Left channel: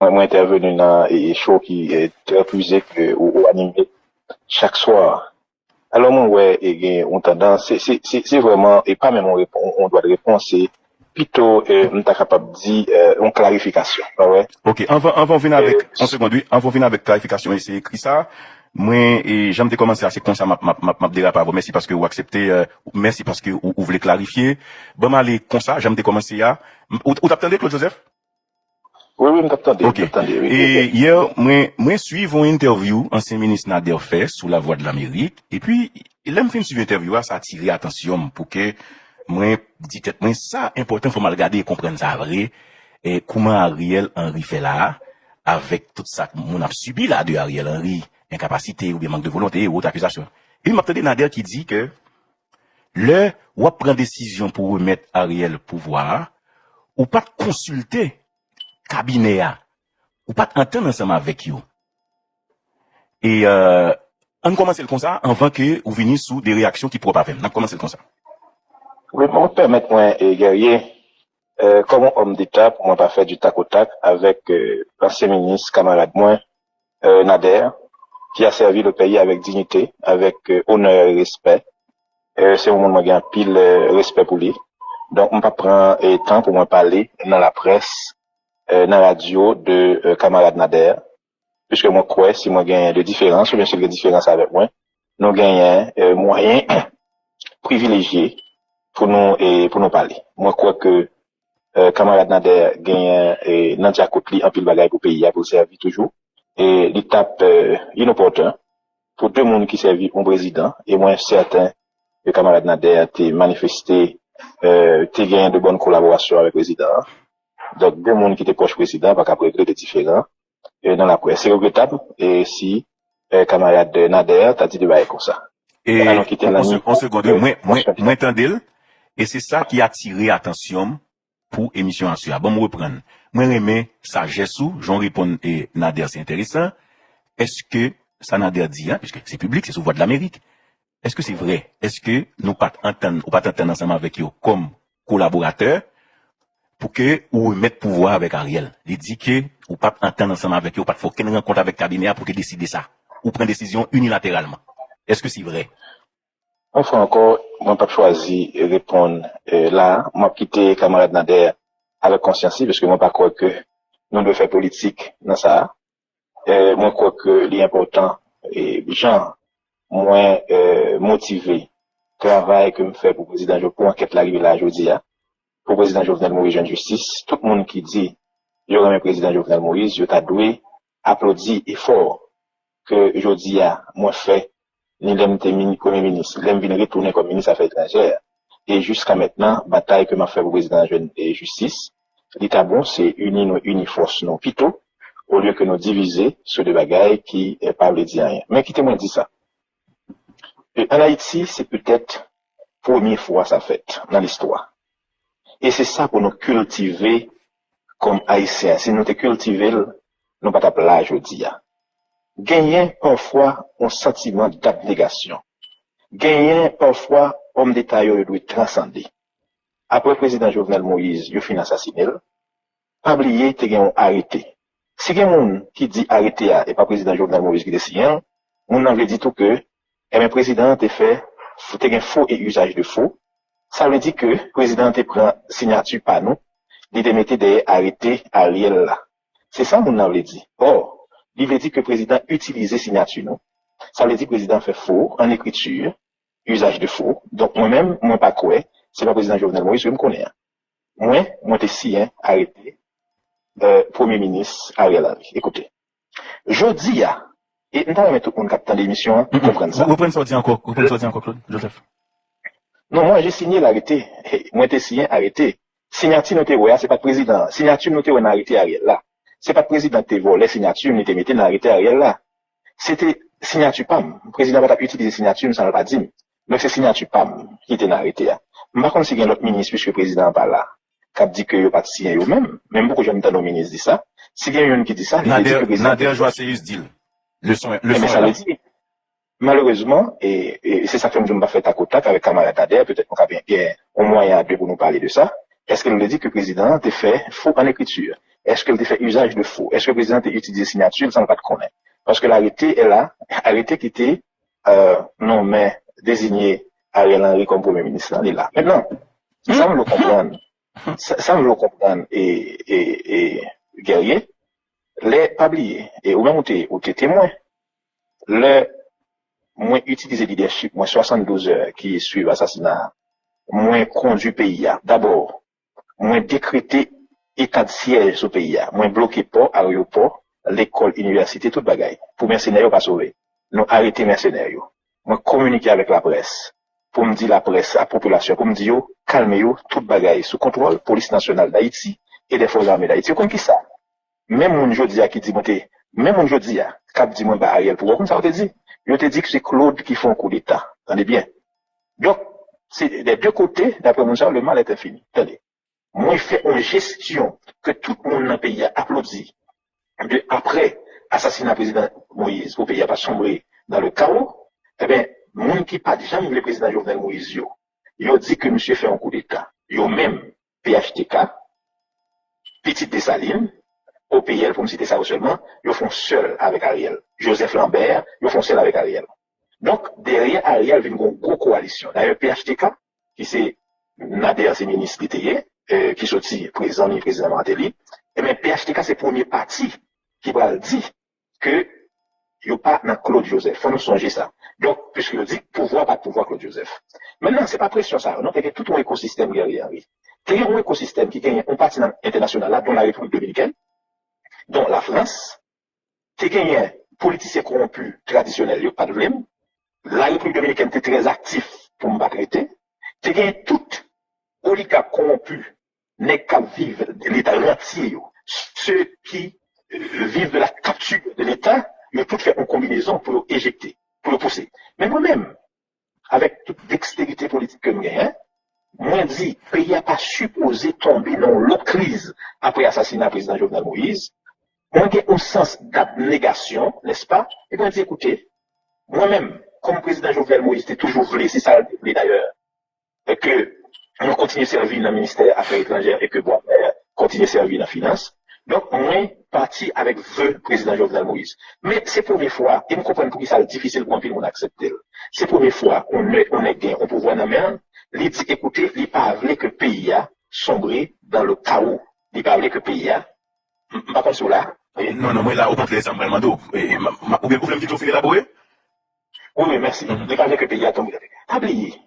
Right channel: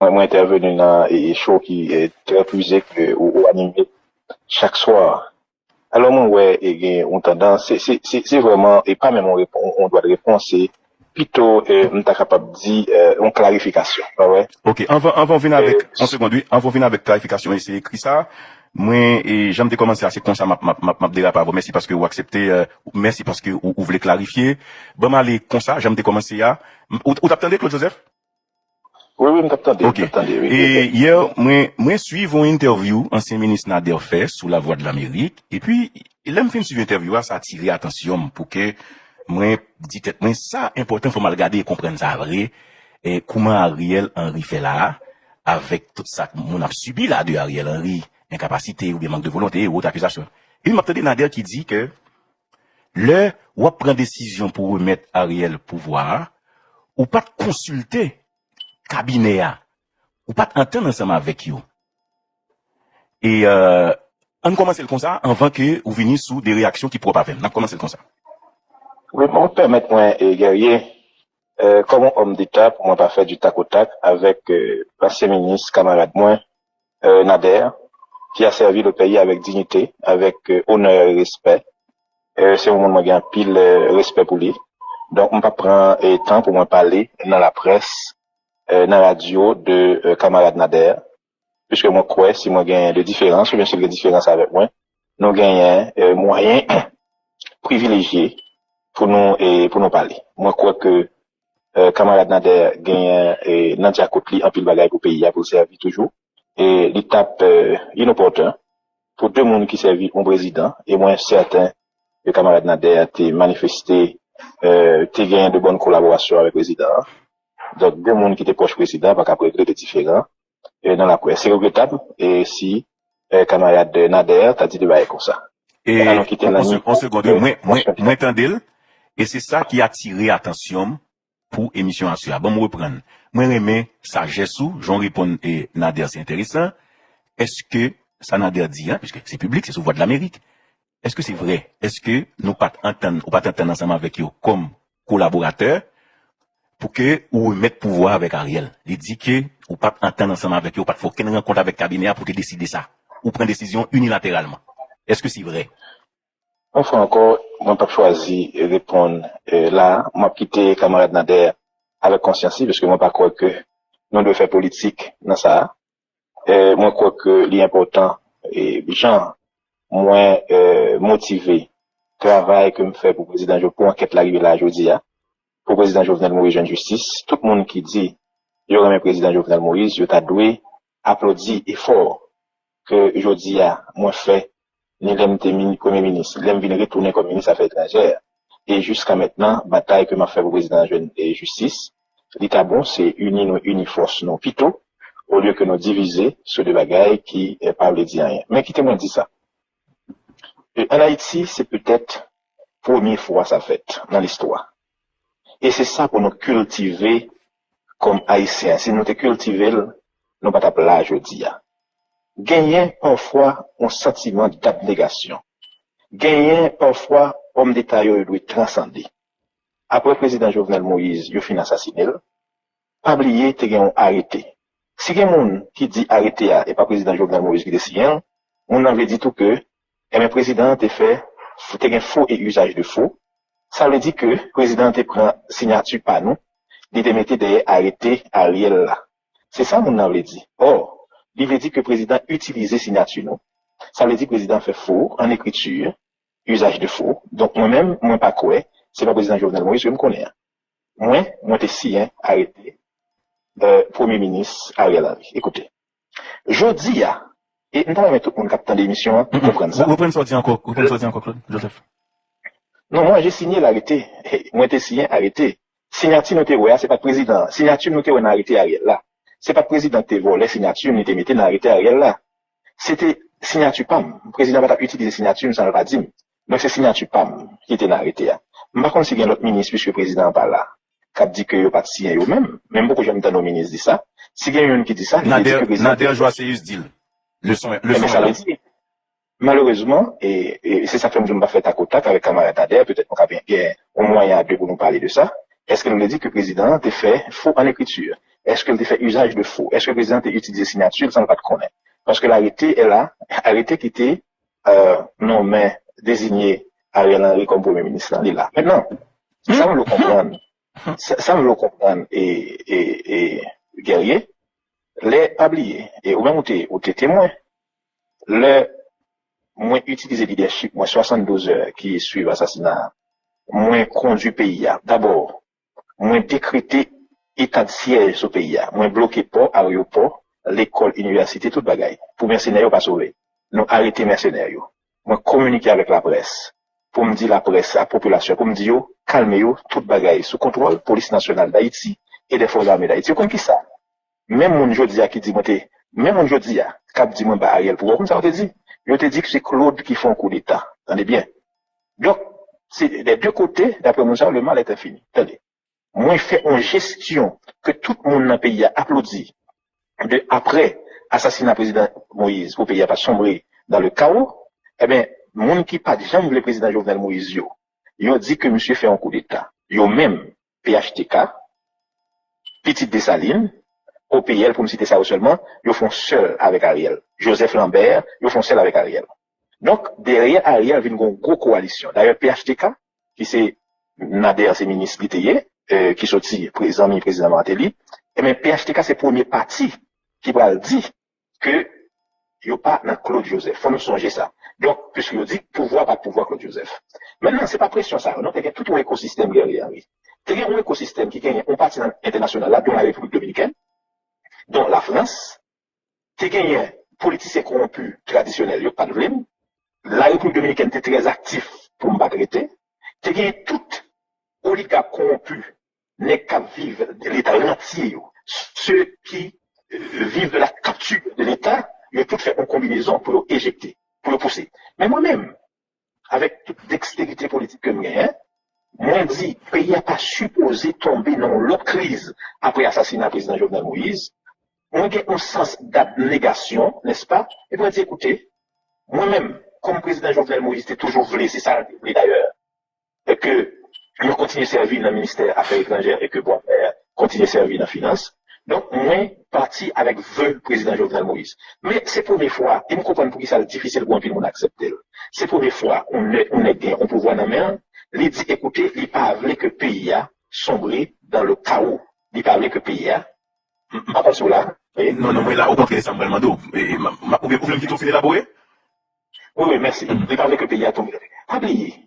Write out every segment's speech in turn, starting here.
Moi, intervenu dans un show qui est très prisé ou animé chaque soir. Alors, moi, ouais, on tendance, c'est vraiment, et pas même on doit répondre, c'est plutôt, on est capable de dire, une clarification. Ah ouais. Ok, on va venir avec, une seconde, oui, on va venir avec clarification, et c'est écrit ça. Moi, et j'aime de commencer à c'est comme ça, m'a dit la parole. Merci parce que vous acceptez, merci parce que vous voulez clarifier. Bon, allez, comme ça, j'aime de commencer à, vous attendez, toi, Joseph? Oui, oui, m'attendez, Ok. m'attendez. Et hier, moi, suivre une interview, ancien ministre Nader fait sur la voie de l'Amérique. Et puis, il aime faire une suivi interview, ça a attiré l'attention pour que, moi, dit que ça, important, faut me regarder et comprendre ça, vrai. Et comment Ariel Henry fait là, avec tout ça, on a subi là de Ariel Henry, incapacité, ou manque de volonté, ou autre accusation. Il m'a entendu Nader qui dit que, on prend décision pour remettre Ariel au pouvoir, ou pas consulter cabinet, ou pas entendre ensemble avec eux. Et on commence comme ça avant que vous veniez sous des réactions qui pourraient pas faire. On a commencé comme ça. Oui, pour me permettre, moi, comme homme d'État, pour me faire du tac au tac avec l'ancien ministre, camarade moi, Nader, qui a servi le pays avec dignité, avec honneur et respect. C'est un moment qui a pile respect pour lui. Donc, on va prendre temps pour me parler dans la presse, dans la radio de camarade Nader, puisque mon crois, si nous gagnons de différence, ou bien si de différence avec moi, nous gagnons moyen privilégié pour nous parler. Moi, je crois que camarade Nader gagne Nadia Kopli un peu de bagaille pour pays, pour servir toujours. Et l'étape inopportune pour deux mondes qui servent mon président. Et moi, certain, le camarade Nader a manifesté, gagné de bonnes collaborations avec le président. Donc, deux mondes qui étaient proches du président, pas qu'à régler des différents. Dans la presse, c'est regrettable. Et si, camarade Nader, t'as dit de bailler pour ça. Et on se compte, moi, m'entendez, et c'est ça qui a attiré l'attention pour émission ACA. Bon, vous prendre. Moi, mais sagesse, j'en réponds, Nader, c'est intéressant. Est-ce que ça Nader dit, hein, puisque c'est public, c'est sous voie de l'Amérique. Est-ce que c'est vrai? Est-ce que nous pas entendre ensemble avec eux comme collaborateurs pour que vous mettez pouvoir avec Ariel? Il dit que vous pas entendre ensemble avec eux, pas faut qu'une rencontre avec le cabinet pour décider ça. Ou prendre décision unilatéralement. Est-ce que c'est vrai? Enfin, encore, on pas choisi de répondre là. Moi, quitté camarade Nader avec conscience, parce que moi, par contre, nous devons faire politique dans ça. Moi, crois que l'important, gens moins motivés, travail que me fait pour le président, pour enquête l'arrivée là, aujourd'hui, pour le président Jovenel Moïse, jeune justice, tout le monde qui dit, il y aura un président Jovenel Moïse, je t'a doué, applaudi et fort que aujourd'hui, moi, fait, l'indemnité premier ministre, l'aime venir retourner comme ministre affaires étrangères. Et jusqu'à maintenant, bataille que m'a fait le président et justice, l'état bon, c'est uni force, non, plutôt, au lieu que nous diviser sur des bagailles qui parlent de rien. Mais qui te dit ça? Et en Haïti, c'est peut-être première fois ça fait dans l'histoire. Et c'est ça pour nous cultiver comme Haïtiens. Si nous te cultiver, nous pas t'appeler là, je dis. Gagner parfois un sentiment d'abnégation. Gagner parfois homme d'État doit transcender. Après le président Jovenel Moïse, il finit assassiné. Pas oublier que ont arrêté. Si quelqu'un qui dit arrêter et pas président Jovenel Moïse qui décide, on avait dit tout que le président a fait un faux et usage de faux. Ça veut dire que le président a pris signature par nous, il a mis d'arrêter Ariel là. C'est ça qu'on avait dit. Alors, il a dit que le président utilisait signature non. Ça veut dire que le président fait faux en écriture, usage de faux. Donc moi-même, moi pas quoi, c'est pas le président Jovenel Moïse, je me connais. Moi t'es si arrêté Premier ministre Ariel Henry. Écoutez, je dis et nous allons mettre tout le monde qui attend l'émission comprendre ça. Vous prenez ça encore, Claude, Joseph. Non, moi j'ai signé l'arrêté. Moi t'es signé arrêté. Signature noté ouais, c'est pas président. Signature noté ouais arrêté Ariel là. C'est pas président qui volé signature, ni te metté dans arrêté Ariel là. C'était signature PAM. Le président va utiliser signature, nous ça ne va pas dire. Mais c'est signature PAM qui était arrêté. Par contre, si il y a notre ministre, puisque le président par là, qui dit que il a pas signé eux-mêmes, même beaucoup j'aime entendre le ministre dire ça. Si il y a un qui dit ça, Nader joue à sérieux deal. Le son est ça là. veut dire, malheureusement, et c'est ça que nous avons fait à contact avec camarade Kader, peut-être qu'on a bien au moyen de nous parler de ça. Est-ce qu'elle nous dit que le président a fait faux à l'écriture? Est-ce qu'elle a fait usage de faux? Est-ce que le président a utilisé signature? Ça ne pas de connaître. Parce que l'arrêté est là, arrêté qui était, non, mais désigné Ariel Henry comme premier ministre, il est là. Maintenant, ça, on le comprend. Ça, on le comprend. Et guerrier, les oubliés, et au même où tu es témoin, les moins utiliser leadership, moins 72 heures qui suivent l'assassinat, moins conduit pays. D'abord, moins décréter état de siège au pays, moins bloquer port, aéroport, l'école, université, tout bagaille. Pour mercenaires, pas sauver. Non, arrêter mercenaires. Moins communiquer avec la presse. Pour me dire la presse, la population, pour me dire, calmez-vous, tout bagaille, sous contrôle, police nationale d'Haïti et des forces armées d'Haïti. Vous comprenez ça? Même mon jodi qui dit, même mon jodi qui dit, moi, bah, Ariel, pourquoi ça, on te dit? Je te dis que c'est Claude qui fait un coup d'État. Attendez bien. Donc, c'est des deux côtés, d'après mon sens, le mal est infini. Attendez. Moi, je fais une gestion que tout le monde dans le pays a applaudi. De après assassinat président Moïse, au pays a pas sombré dans le chaos. Eh bien, mon qui pas jamais le président Jovenel Moïse, yo dit que monsieur fait un coup d'État. Yo même PHTK, Petite Dessalines, OPL, pour me citer ça seulement, ils font seul avec Ariel. Joseph Lambert, ils font seul avec Ariel. Donc, derrière Ariel, il y a une grosse coalition. D'ailleurs, PHTK, qui c'est Nader, c'est ministre d'Ité, qui sorti président Martelly, et bien, PHTK, c'est le premier parti qui va dire que il n'y a pas dans Claude Joseph. Il faut nous songer ça. Donc, puisqu'il dit pouvoir, pas pouvoir Claude Joseph. Maintenant, c'est pas pression ça. Non, il y a tout un écosystème guerrier. Il y a un écosystème qui gagne un parti international, là, dont la République dominicaine, dont la France, qui gagne un politicien corrompu traditionnel, il n'y a pas de problème. La République dominicaine était très active pour me traiter. Tu gagnes tout oligarque corrompu, n'est qu'à vivre de l'État entier. Ceux qui vivent de la capture de l'État, ils ont tout fait en combinaison pour éjecter, pour le pousser. Mais moi-même, avec toute dextérité politique que j'ai, moi, je dis, le pays n'a pas supposé tomber dans l'autre crise après l'assassinat du président Jovenel Moïse. On a un sens d'abnégation, n'est-ce pas? Et puis on dit, écoutez, moi-même, comme président Jovenel Moïse, c'était toujours voulu, c'est ça d'ailleurs, et que nous continuons à servir dans le ministère des Affaires étrangères et que bon, continuer à servir dans la finance. Donc, on est parti avec le président Jovenel Moïse. Mais c'est la première fois, et nous comprenons pourquoi ça est difficile pour un pays d'accepter. C'est la première fois qu'on est gagné au pouvoir dans la main. Il dit, écoutez, il pas voulu que le pays a sombré dans le chaos. Il pas voulu que le pays a, pas sur là. Non, mais là, au contraire, ça me vraiment d'eau. Ou bien, vous voulez que tu finisses là-bas? Oui, merci. Il pas voulu que le pays a tombé. Ah, pays.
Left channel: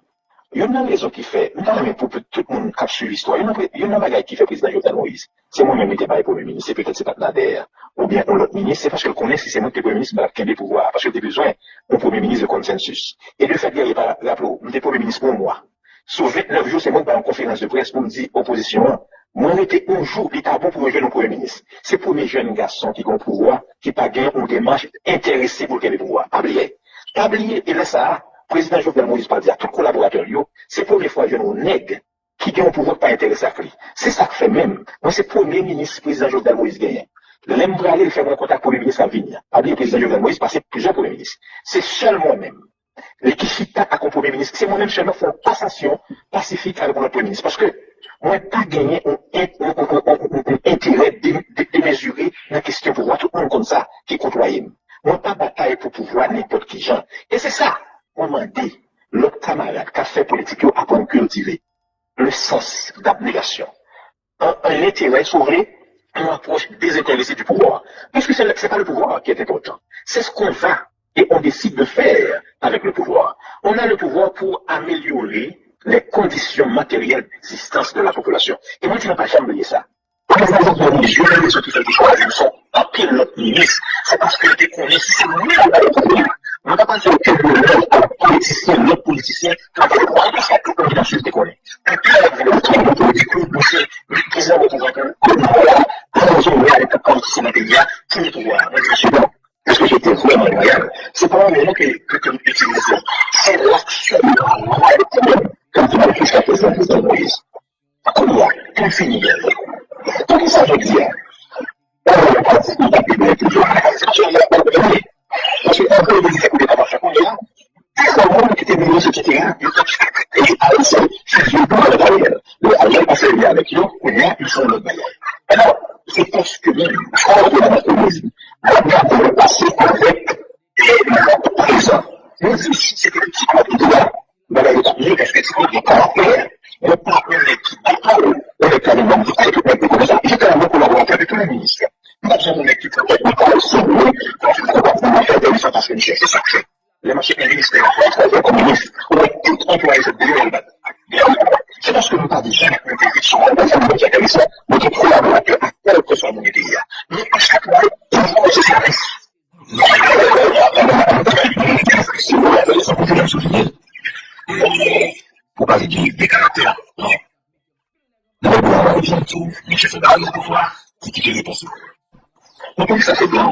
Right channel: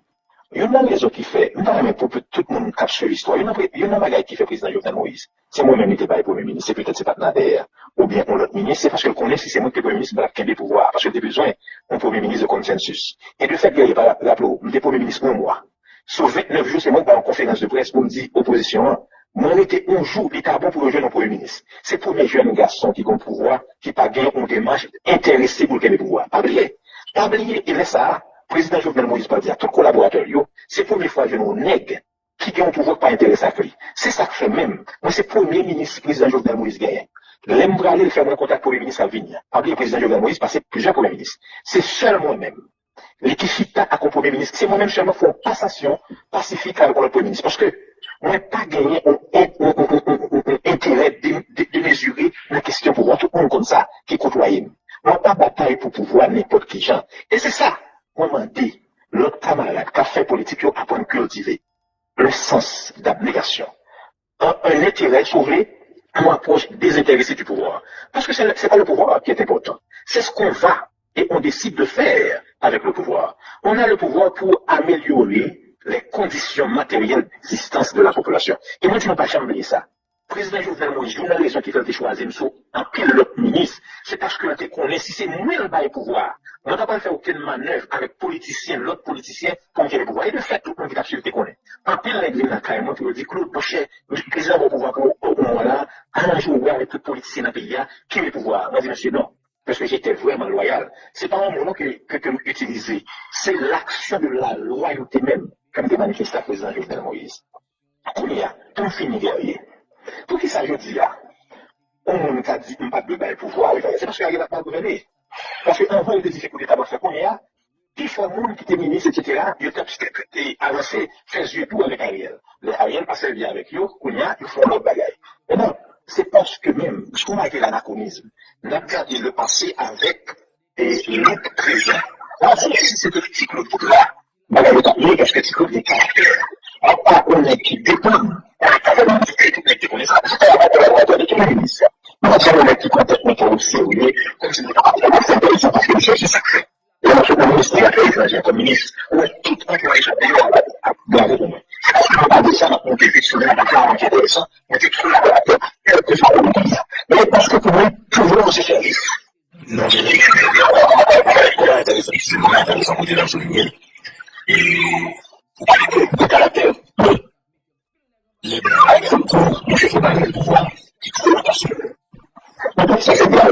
Il y a une raison qui fait, notamment pour tout le monde qui suit l'histoire, il y a une bagaille qui fait président Jovenel Moïse. C'est moi-même qui était premier ministre, c'est peut-être c'est pas Nader, ou bien on l'autre ministre, c'est parce que je connais si c'est moi qui est premier ministre, qui a des pouvoirs, parce que j'ai besoin d'un premier ministre de consensus. Et de fait, il n'y a pas rappelez-vous, j'étais premier ministre pour moi. Sur 29 jours, c'est moi qui en conférence de presse pour me dire, opposition, moi, j'étais un jour, l'État bon pour le jeune premier ministre. C'est pour mes jeunes garçons qui ont le pouvoir, qui pas gagnent une démarche intéressée pour le pouvoir. Pas oublier, et laisse ça. Président Jovenel Moïse pas dire à tous les collaborateurs, c'est la première fois que je nous nègre qui ont un pouvoir pas intéressé à lui. C'est ça que fait même. Moi, c'est le premier ministre, président Jovenel Moïse gagne. L'aime aller faire mon contact pour le ministre à venir. Après, le président Jovenel Moïse passé plusieurs premiers ministres. C'est seul moi-même. Les Kishita à comme premier ministre, c'est moi-même seulement faire une passation pacifique avec le premier ministre. Parce que, on n'a pas gagné un intérêt démesuré dans la question pour voir tout le monde comme ça, qui côtoie. On n'a pas bataille pour pouvoir n'importe qui gens. Et c'est ça. On m'a dit, l'autre camarade qui a fait politique, il apprend à cultiver le sens d'abnégation. Un intérêt sauvé, une approche désintéressée du pouvoir. Parce que c'est pas le pouvoir qui est important. C'est ce qu'on va et on décide de faire avec le pouvoir. On a le pouvoir pour améliorer les conditions matérielles d'existence de la population. Et moi, je n'ai pas jamais oublié ça. Quand vous avez les jeunes, les autres qui font quelque chose, ils sont en pile l'autre ministre. C'est parce que les connaissent, c'est mieux dans le pouvoir. On n'a pas fait aucun honneur à l'autre politicien, quand il est droit, il fait tout comme il a su te connaître. Quand il a vu le train de politique, le président va pouvoir que, voilà, un jour, avec un politicien dans le pays, qui est pouvoir. Moi, je suis bon. Parce que j'étais vraiment loyal. C'est pas un moment que tu utilises. C'est l'action de la loyauté même, comme tu m'as jusqu'à présent, président Moïse. Comme il y a, tout finit. Donc, ça veut dire, on n'a pas dit qu'on a pu toujours à la situation, il n'y a pas de un peu les coup d'État parce qu'on est là. Des monde qui étaient ministres, etc. Et alors, c'est vieux pour le Ariel. Le Ariel passe bien avec eux, ils sont notre bagage. Alors, c'est parce que même, je crois que l'anachronisme, regarder le passé avec le présent. Moi, si c'est effectivement tout là, est-ce que c'est des caractères? On parle de qui dépendent, on est carrément dit, tout le monde comme ça. J'étais un bon collaborateur de tous les ministères. Nous avons un mec qui complètement pour le sauver, quand c'est complètement fait de ça parce que le cherche sacré. Et monsieur le ministre de l'Affaires étrangères comme ministre, on est tout employé sur le bien haut. C'est parce que nous parlons de ça, nous effectivement, nous avons qui intéressant, nous sommes trop laborateurs, quel que soit le pays. Mais parce que pour nous, toujours de ce service. Non, c'est vraiment intéressant pour te souligner. Pour parler des caractères, oui. Les blancs, par exemple, les chefs de pouvoir, qui quittent le passé. Donc, ça c'est bien.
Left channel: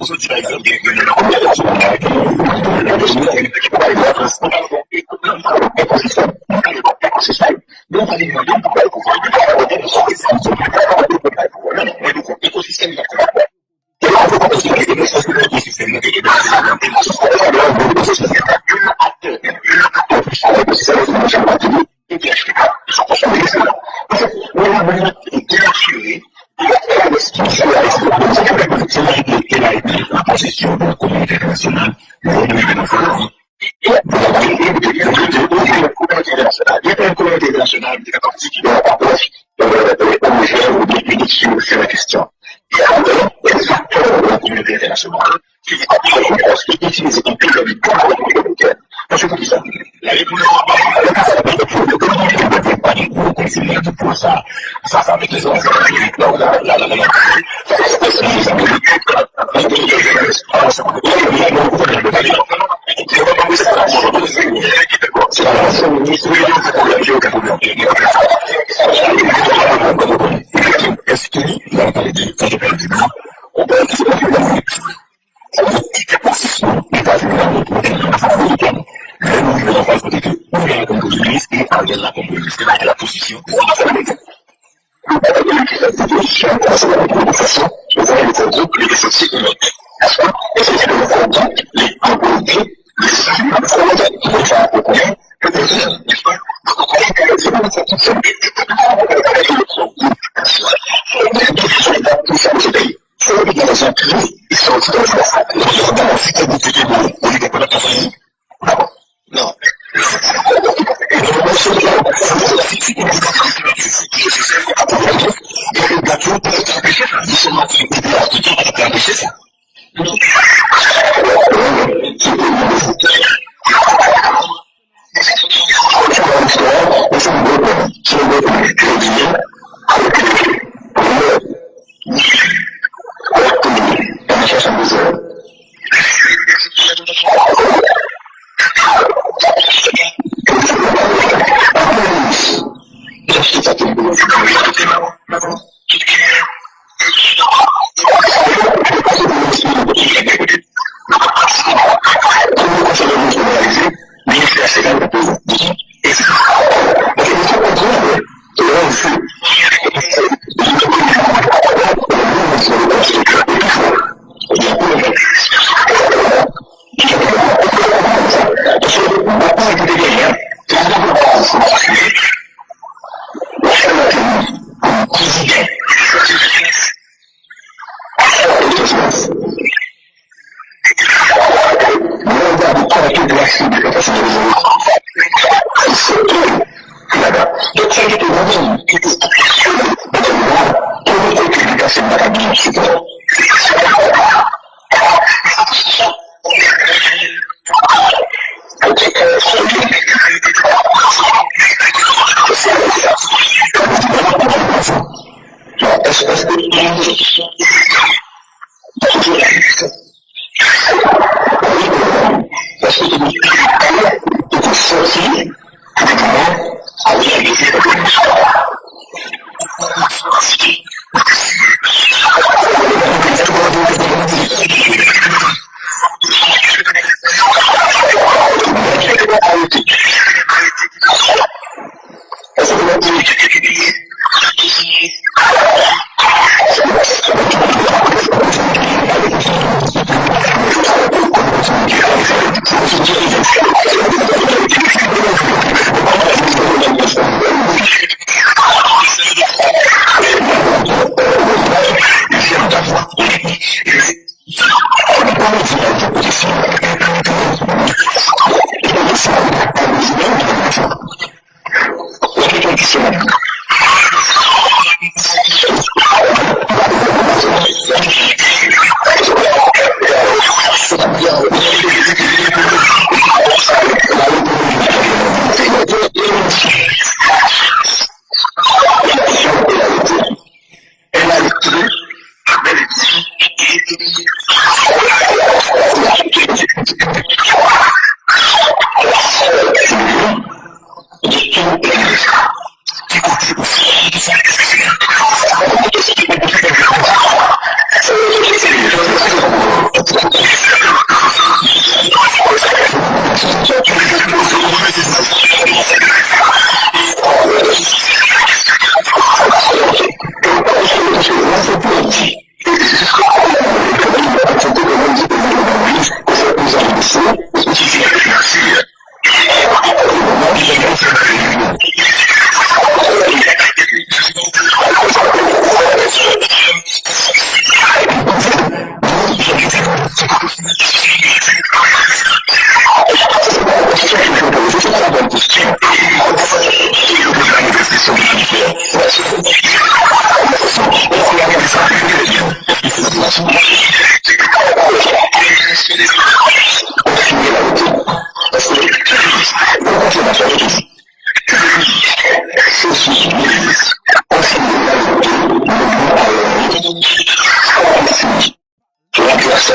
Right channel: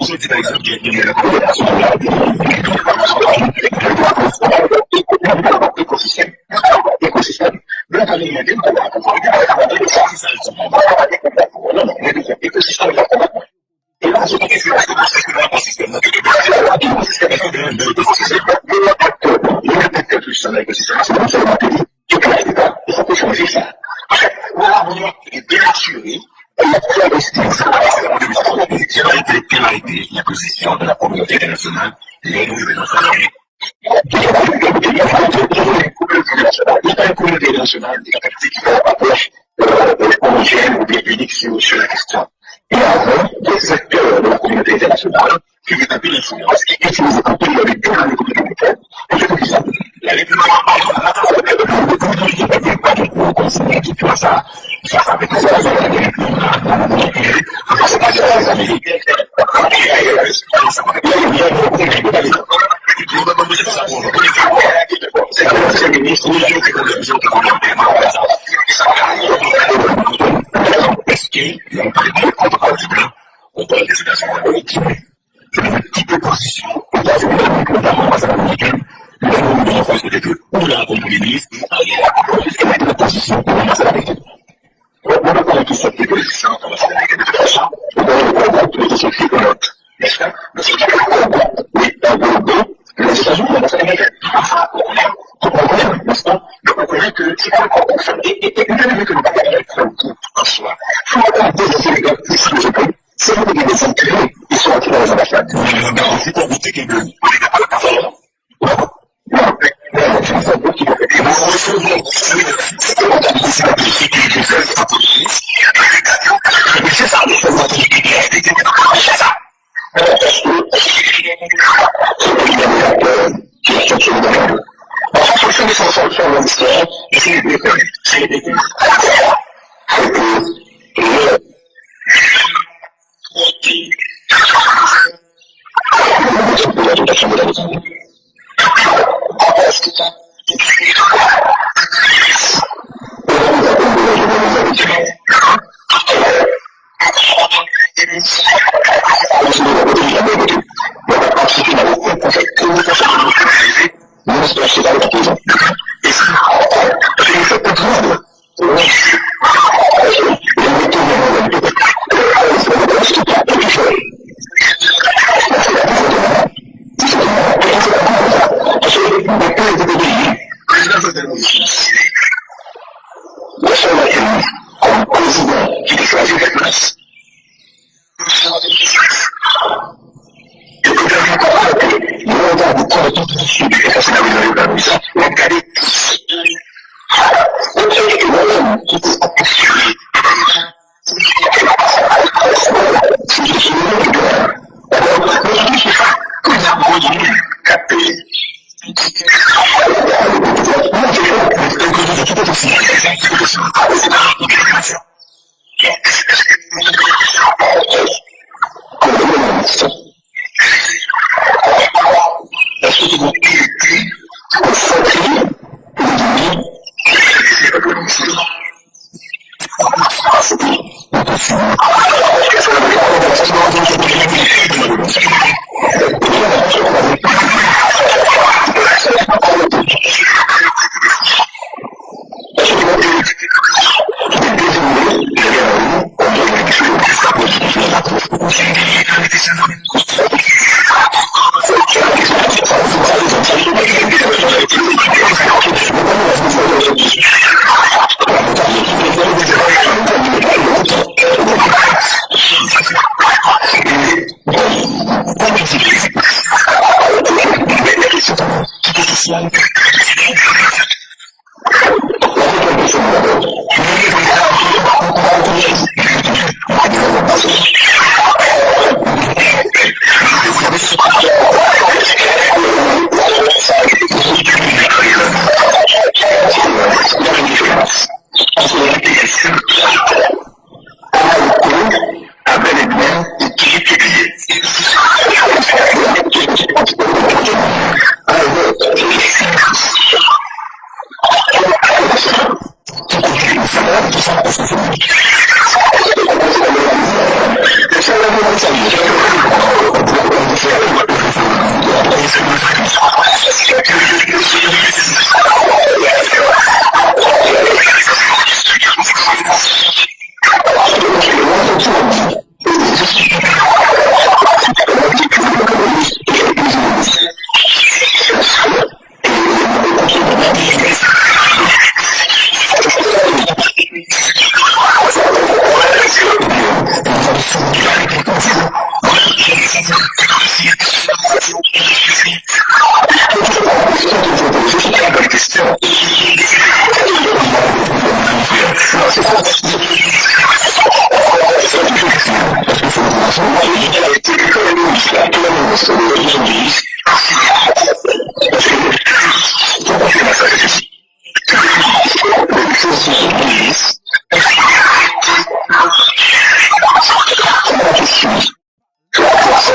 On se dit par exemple, il y a la communauté nationale avec l'écosystème. L'écosystème. Bien entendu, on pourrait pouvoir regarder le service. L'écosystème, il y a comment? Et là, on se dit est-ce que l'écosystème, l'acteur plus ça, l'écosystème, c'est le matériel, il peut l'expliquer. Ils sont conscients ça. Parce que, voilà, on est bien assuré. Il y a très quelle a été la position de la communauté internationale lors de l'événement fédéré. Il y a une communauté internationale qui est partie qui approche homogène ou bien unique sur la question. Il y a des acteurs de la communauté internationale qui utilisent un peu le but pour la République américaine. Parce que ça, la République américaine pas du coup considérer tout ça face avec les Américains, face à les Américains, c'est l'ancien ministre, est-ce qu'il a parlé de contre-parole du blanc? On peut dire que c'est la seconde Amérique. Ça veut dire quitter position, États-Unis d'Amérique, notamment l'ambassade américaine. Le gouvernement France peut-être que on l'a compris les ministres et Ariel a compris puisqu'elle a été la position de l'ambassade américaine. On va connaître cette position de l'ambassade américaine de toute façon. On va le groupe, les sociétés que notre, n'est-ce pas? Et c'est que le groupe, les emborder les États-Unis, l'ambassade américaine. Donc ça, on connaît, n'est-ce pas? Donc on connaît que c'est pas le contexte. Et même que le bagage électoral, il faut regarder les oligarques puissants de ce pays. C'est eux qui les ont tués, ils sont aussi dans les ambassades. Ils regardent ensuite au bout de vous, on les pas la personne. D'accord. Non, mais c'est un gros qui peut faire. Et nous, si tu regardes les sénateurs, c'est que je sais, à pour et les gars qui ont peut-être empêché ça, ils sont morts, ils ont expliqué qu'ils ont empêché ça. Typiquement, les ministres des autres polices ont signé la moitié. Parce que comment c'est la chose que les ministres des sociétés de police ont signé la moitié. C'est la question. Je remplace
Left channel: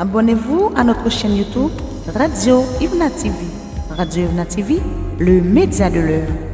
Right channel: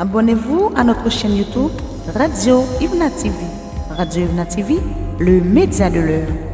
Abonnez-vous à notre chaîne YouTube Radio Ibna TV. Radio Ibna TV, le média de l'heure.